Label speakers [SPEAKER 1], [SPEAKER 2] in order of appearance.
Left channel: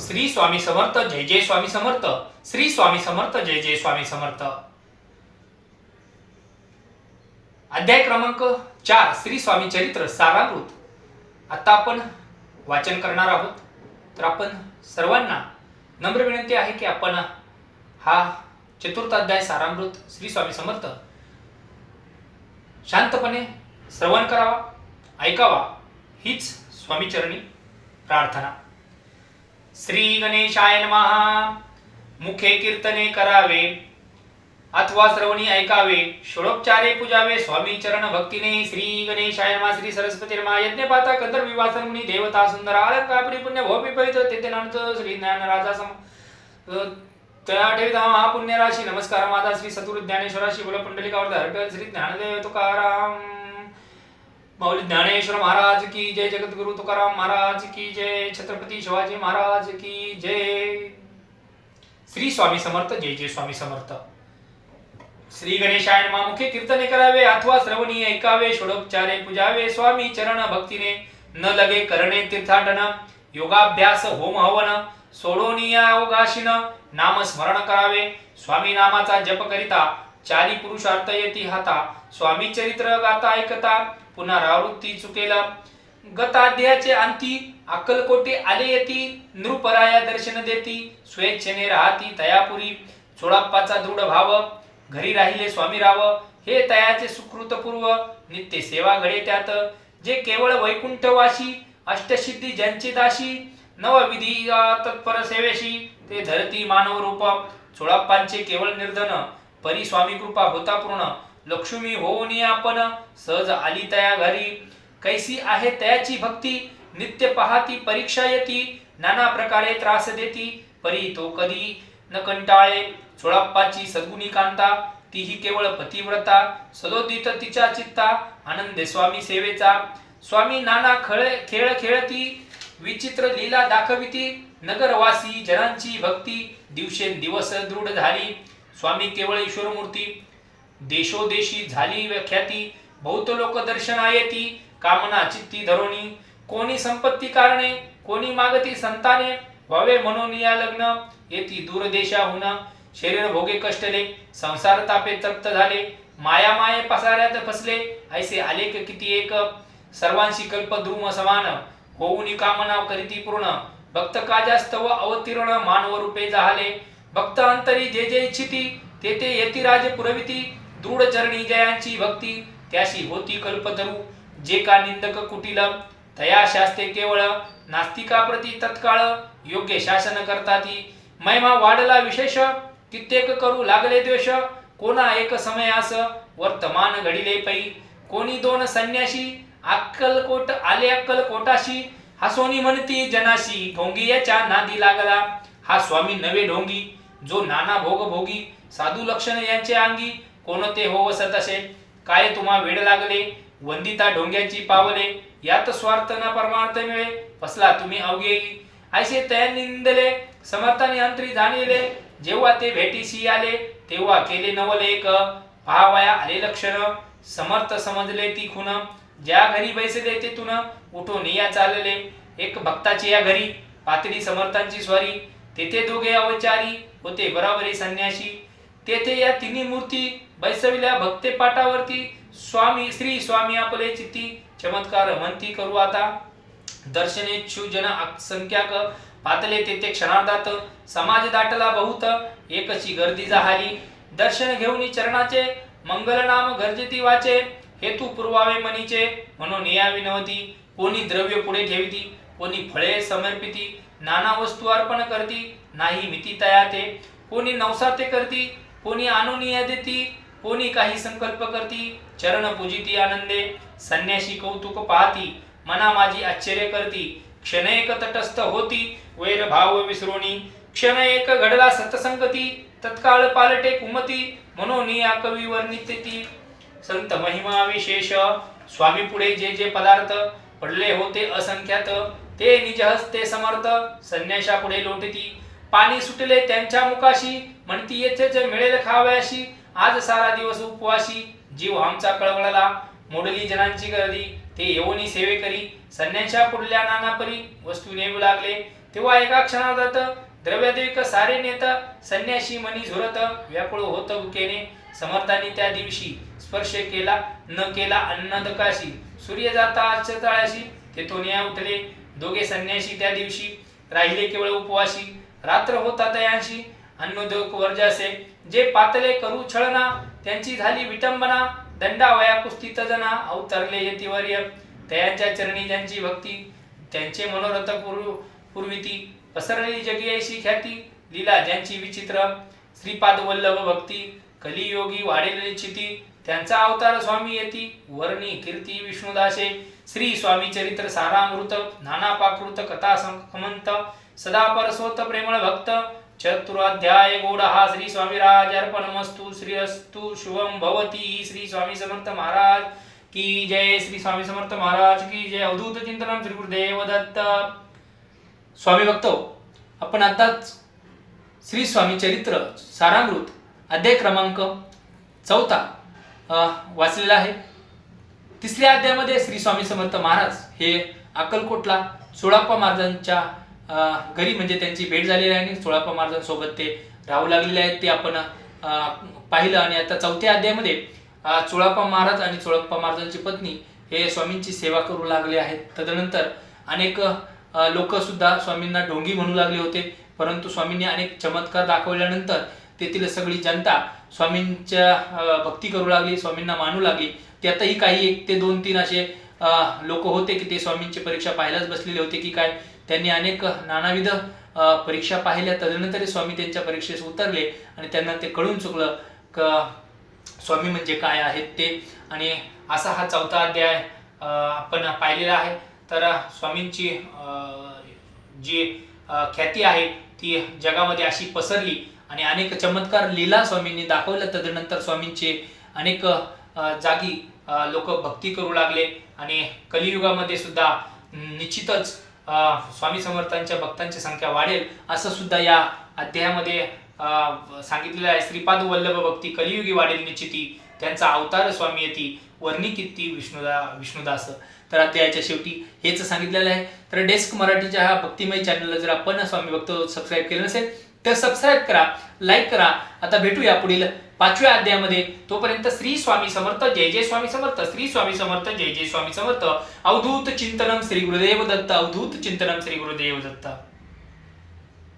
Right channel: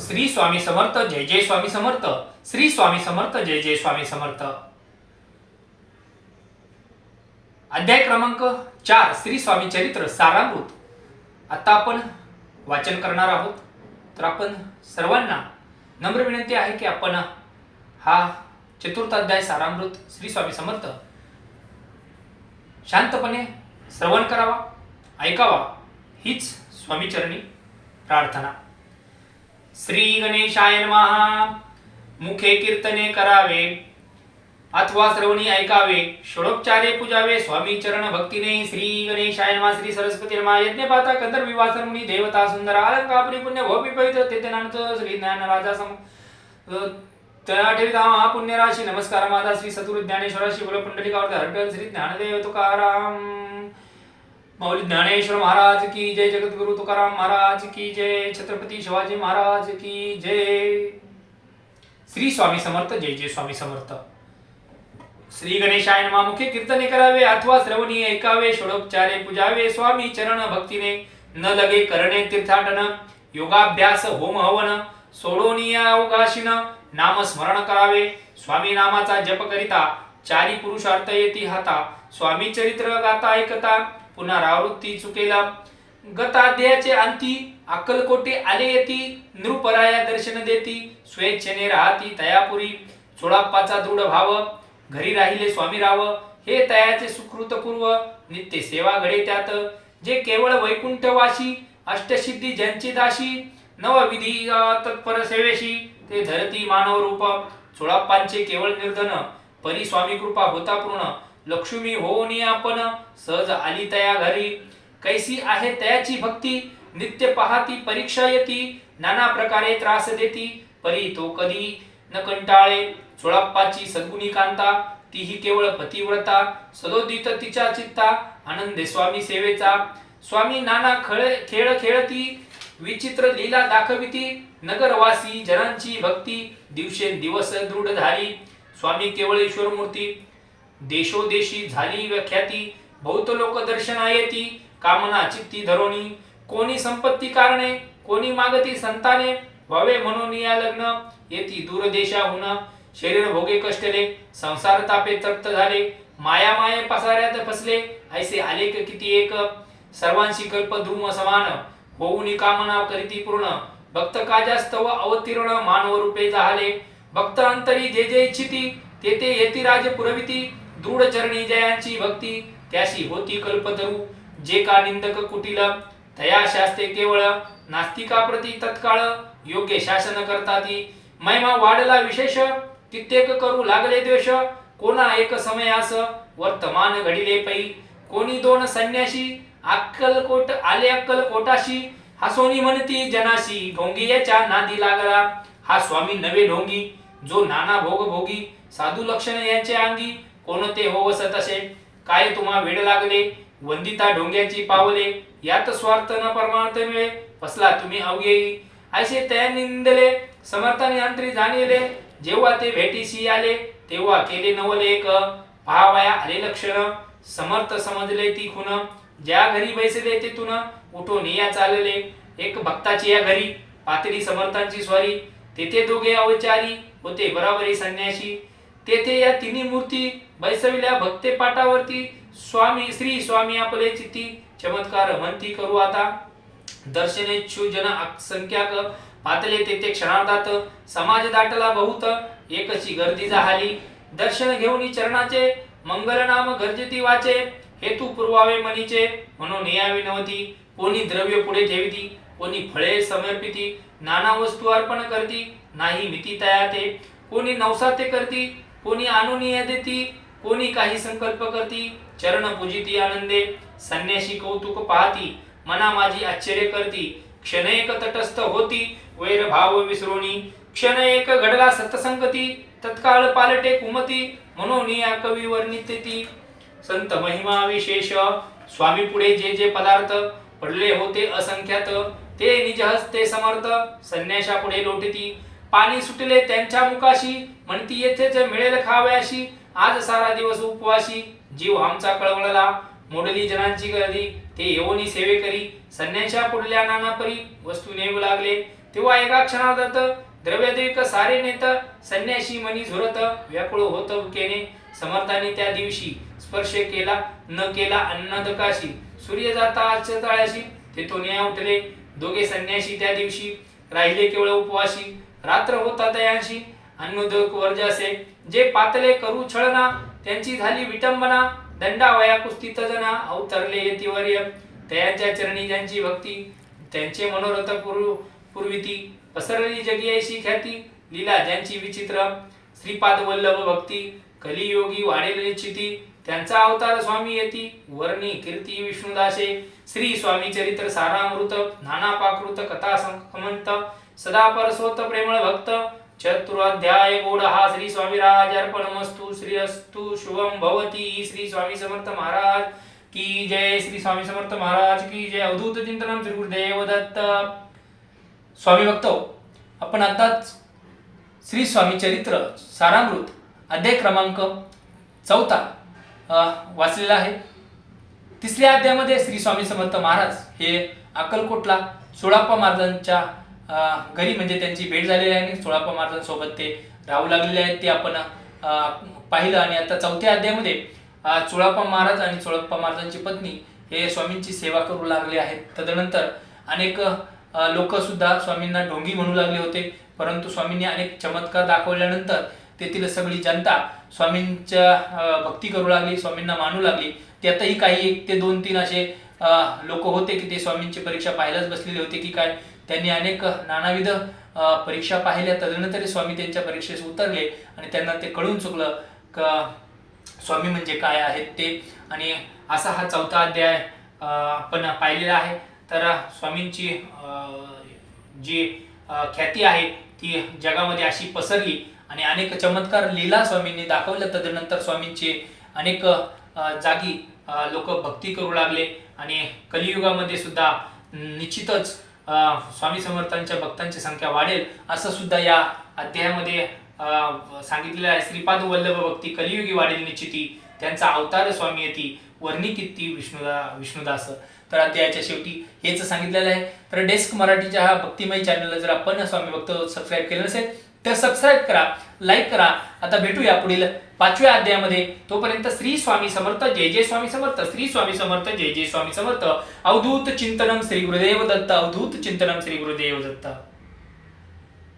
[SPEAKER 1] श्री स्वामी समर्थ जय जय स्वामी समर्थ श्री स्वामी समर्थ जय जय स्वामी समर्थ. अध्याय क्रमांक चार श्री स्वामी चरित्र सारामृत. आता आपण वाचन करणार आहोत. तर आपण सर्वांना नम्र विनंती आहे की आपण हा चतुर्थ अध्याय सारामृत श्री स्वामी समर्थ शांतपणे श्रवण करावा ऐकावा हीच स्वामीचरणी प्रार्थना. श्री गणेशाय महा मुखे कीर्तने करावे अथवा श्रवणी ऐकावे षोडोपचारे पूजावे स्वामी चरण भक्तीने श्री गणेशाय नमः श्री सरस्वती यज्ञ पाता कंदर विवासन मुनी देवता सुंदर अलंकापुरी पुण्य भोपी पवित्र तेजनांत श्री ज्ञान राजा सम अ, ठेविता महापुण्य राशी नमस्कार माता श्री सतुर ज्ञानेश्वराशी बोल पुंडलिकावर हरटल श्री ज्ञानदेव तुकाराम. माऊली ज्ञानेश्वर महाराज की जय जगद्गुरु तुकाराम महाराज की जय छत्रपती शिवाजी महाराज की जय. श्री स्वामी समर्थ जय जय स्वामी समर्थ. श्री गणेशाय मामुखे कीर्तने करावे अथवा श्रवणी ऐकावे षोडोपचारे पूजावे स्वामी चरण भक्तीने न लगे करणे तीर्थाटन योगाभ्यास होम हवन सोडोनिया अवकाशीन नाम स्मरण करावे स्वामी नामाचा जप करिता चारी पुरुषार्थ येती हाता स्वामी चरित्र गाता ऐकता पुनरावृत्ती चुकेला. गताध्याचे अंती अक्कलकोटे आले येती नृपराया दर्शन देती स्वेच्छेने राहती तयापुरी. चोळाप्पाचा दृढ भाव घरी राहिले स्वामी राव हे तयाचे सुकृतपूर्व नित्य सेवा घडे त्यात. जे केवळ वैकुंठवाशी अष्टसिद्धी ज्यांची दाशी नवविधी तत्पर सेवेशी ते धरती मानव रूप चोळाप्पांचे केवळ निर्धन परी स्वामी कृपा होता पूर्ण. लक्ष्मी होऊनी आपण. सहज आली तया घरी. कैसी आहे तयाची भक्ती. नित्य पाहती परीक्षा येती. नाना प्रकारे त्रास देती. परी तो कधी? न कंटाळे. सोळाप्पाची सद्गुणी कांता. तीही केवळ पतिव्रता. सदोदित तिच्या चित्ता. आनंदे स्वामी सेवेचा. स्वामी नाना खळे खेळ खेळती. विचित्र लीला दाखविती. नगरवासी जनांची भक्ती. दिवसेंदिवस दृढ झाली. स्वामी केवळ ईश्वर मूर्ती देशोदेशी झाली व्याख्याती बहुत लोक दर्शना येती कामना चित्ती धरोणी कोणी संपत्ती कारणे कोणी मागती संताने व्हावे म्हणून या लग्न येती दूरदेशाहून. शरीर भोगे कष्टले संसार तापे तप्त झाले माया माये पसाऱ्यात फसले ऐसे आलेख किती एक. सर्वांशी कल्प ध्रुम समान होऊनी कामना करीती पूर्ण. भक्त काजास्तव अवतीर्ण मानव रूपे झाले भक्त अंतरी जे जे इच्छिती ते ते येती राज पुरविती दृढ चरणी जयांची भक्ती त्याशी होती कल्पतरू. जे का निंदक कुटील तया शास्ते केवळ नास्तिकाप्रती तत्काळ योग्य शासन करताती. महिमा वाढला विशेष कित्येक करू लागले द्वेष. कोणा एक समयास वर्तमान घडिले पै. कोणी दोन संन्याशी अक्कलकोट आले अक्कलकोटाशी हसोनी म्हणती जनाशी ढोंगियाच्या नादी लागला. हा स्वामी नवे ढोंगी जो नाना भोग भोगी साधू लक्षण यांचे अंगी. कोणते हो वसत असे काय तुम्हा वेड लागले? वंदिता ढोंग्याची पावले यात स्वार्थ न परमार्थ मिळे फसला तुम्ही अवघेई ऐसे तया निंदले समर्थाने अंतरी जाणविले जेव्हा ते भेटीशी आले तेव्हा केले नवलेख. पहावाया आले लक्षण समर्थ समजले ती खुन ज्या घरी बैसले तेथून उठून या चालले. एक भक्ताची या घरी पातळी समर्थांची स्वारी. तेथे दोघे अवचारी होते बराबरी संन्याशी. तेथे या तिन्ही मूर्ती बैसविल्या भक्ते पाटावरती स्वामी श्री स्वामी आपले चित्ती चमत्कार म्हणती करू आता. दर्शनेच्छू जन संख्याक पातले तेथे क्षणार्धात समाज दाटला बहुत एकची गर्दी झाली. दर्शन घेऊन चरणाचे मंगलनाम गर्जती वाचे हेतू पुरवावे मनीचे म्हणून यावी नव्हती कोणी द्रव्य पुढे ठेविती कोणी फळे समर्पिती नाना वस्तू अर्पण करती नाही मिती तयाते. कोणी नवसाते करती कोणी आणून देती कोणी काही संकल्प करती चरण पूजिती आनंदे संन्याशी कौतुक पाहती मना माझी आश्चर्य करती क्षण एक तटस्थ होती वैर भाव विसरोणी क्षण एक घडला सतसंगती तत्काळ पालटे कुमती म्हणून या कवी वर्णिते ती संत महिमा विशेष स्वामी पुढे जे जे पदार्थ पडले होते असंख्यात ते निज हस्ते समर्थ संन्याशा पुढे लोटती. पाणी सुटले त्यांच्या मुखाशी म्हणती येथेच मिळेल खावयाशी आज सारा दिवस उपवाशी जीव आमचा कळवळला. मोडली जनांची गर्दी ते येऊनी सेवे करी. संन्याशा पुढल्या नानापरी वस्तू नेऊ लागले. तेव्हा एका क्षणात द्रव्यदेविक सारे नेत संन्याशी मनी झुरत व्याकुळ होत उकेने समर्थांनी त्या दिवशी स्पर्श केला न केला अन्नदकाशी. सूर्य जाता तळाशी तेथून या उठले. दोघे संन्याशी त्या दिवशी. राहिले केवळ उपवाशी रात्र होता तयांशी. अन्नदक वर्जासे. जे पातले करू छळना त्यांची झाली विटंबना दंडावया कुस्ती जना अवतरले यतिवर्य तयांच्या चरणी ज्यांची भक्ती त्यांचे मनोरथ पूर्व पूर्वीती. पसरली जगियाशी ख्याती लीला ज्यांची विचित्र. श्रीपाद वल्लभ भक्ती कलियोगी वाढेल निश्चिती. त्यांचा अवतार स्वामी येती वर्णी कीर्ती विष्णुदासे. श्री स्वामी चरित्र सारामृत नाना पाकृत कथा संकमंत. सदा परस्वत प्रेमळ भक्त. चतुराध्याय गोड हा श्री स्वामी राज अर्पणमस्तु श्री अस्तु शुभम भवती। श्री स्वामी समर्थ महाराज की जय। श्री स्वामी समर्थ महाराज की जय। अवधूत चिंतनम श्री गुरुदेव दत्त स्वामी भक्त आपण आताच श्री स्वामी चरित्र सारामृत अध्याय क्रमांक चौथा वाचलेला आहे. तिसऱ्या अध्यायामध्ये श्री स्वामी समर्थ महाराज हे अक्कलकोटला सोळाप्पा महाराजांच्या घरी म्हणजे त्यांची भेट झालेली आहे आणि सोळाप्पा महाराजांसोबत ते राहू लागलेले आहेत. ते आपण पाहिलं. आणि आता चौथ्या अध्यायामध्ये चोळाप्पा महाराज आणि चोळप्पा महाराजांची पत्नी हे स्वामींची सेवा करू लागले आहेत. तदनंतर अनेक लोकसुद्धा स्वामींना ढोंगी म्हणू लागले होते. परंतु स्वामींनी अनेक चमत्कार दाखवल्यानंतर तेथील सगळी जनता स्वामींच्या भक्ती करू लागली स्वामींना मानू लागली. त्यातही काही एक ते दोन तीन असे लोक होते की ते स्वामींची परीक्षा पाहायलाच बसलेले होते की काय. त्यांनी अनेक नानाविध परीक्षा पाहिल्या. तदनंतर स्वामी त्यांच्या परीक्षेस उतरले आणि त्यांना ते कळून चुकलं का स्वामी म्हणजे काय आहेत ते. आणि असा हा चौथा अध्याय आपण पाहिलेला आहे. तर स्वामींची जी ख्याती आहे ती जगामध्ये अशी पसरली आणि अनेक चमत्कार लीला स्वामींनी दाखवल्या. तदनंतर स्वामींचे अनेक जागी लोक भक्ती करू लागले आणि कलियुगामध्ये सुद्धा निश्चितच स्वामी समर्थांच्या भक्तांची संख्या वाढेल असं सुद्धा या अध्यायामध्ये सांगितलेलं आहे. श्रीपाद वल्लभ भक्ती कलियुगी वाढेल निश्चिती. त्यांचा अवतार स्वामी येती वर्णी किती विष्णुदा विष्णुदास. तर अध्यायाच्या शेवटी हेच सांगितलेलं आहे. तर डेस्क मराठीच्या हा भक्तिमय चॅनलला जर आपण स्वामी भक्त सबस्क्राईब केलं नसेल तर सबस्क्राईब करा लाईक करा. आता भेटूया पुढील पाचव्या अध्यायामध्ये. तोपर्यंत श्री स्वामी समर्थ जय जय स्वामी समर्थ श्री स्वामी समर्थ जय जय स्वामी समर्थ. अवधूत चिंतनम श्री गुरुदेव दत्त अवधूत चिंतनम श्री गुरुदेव दत्त.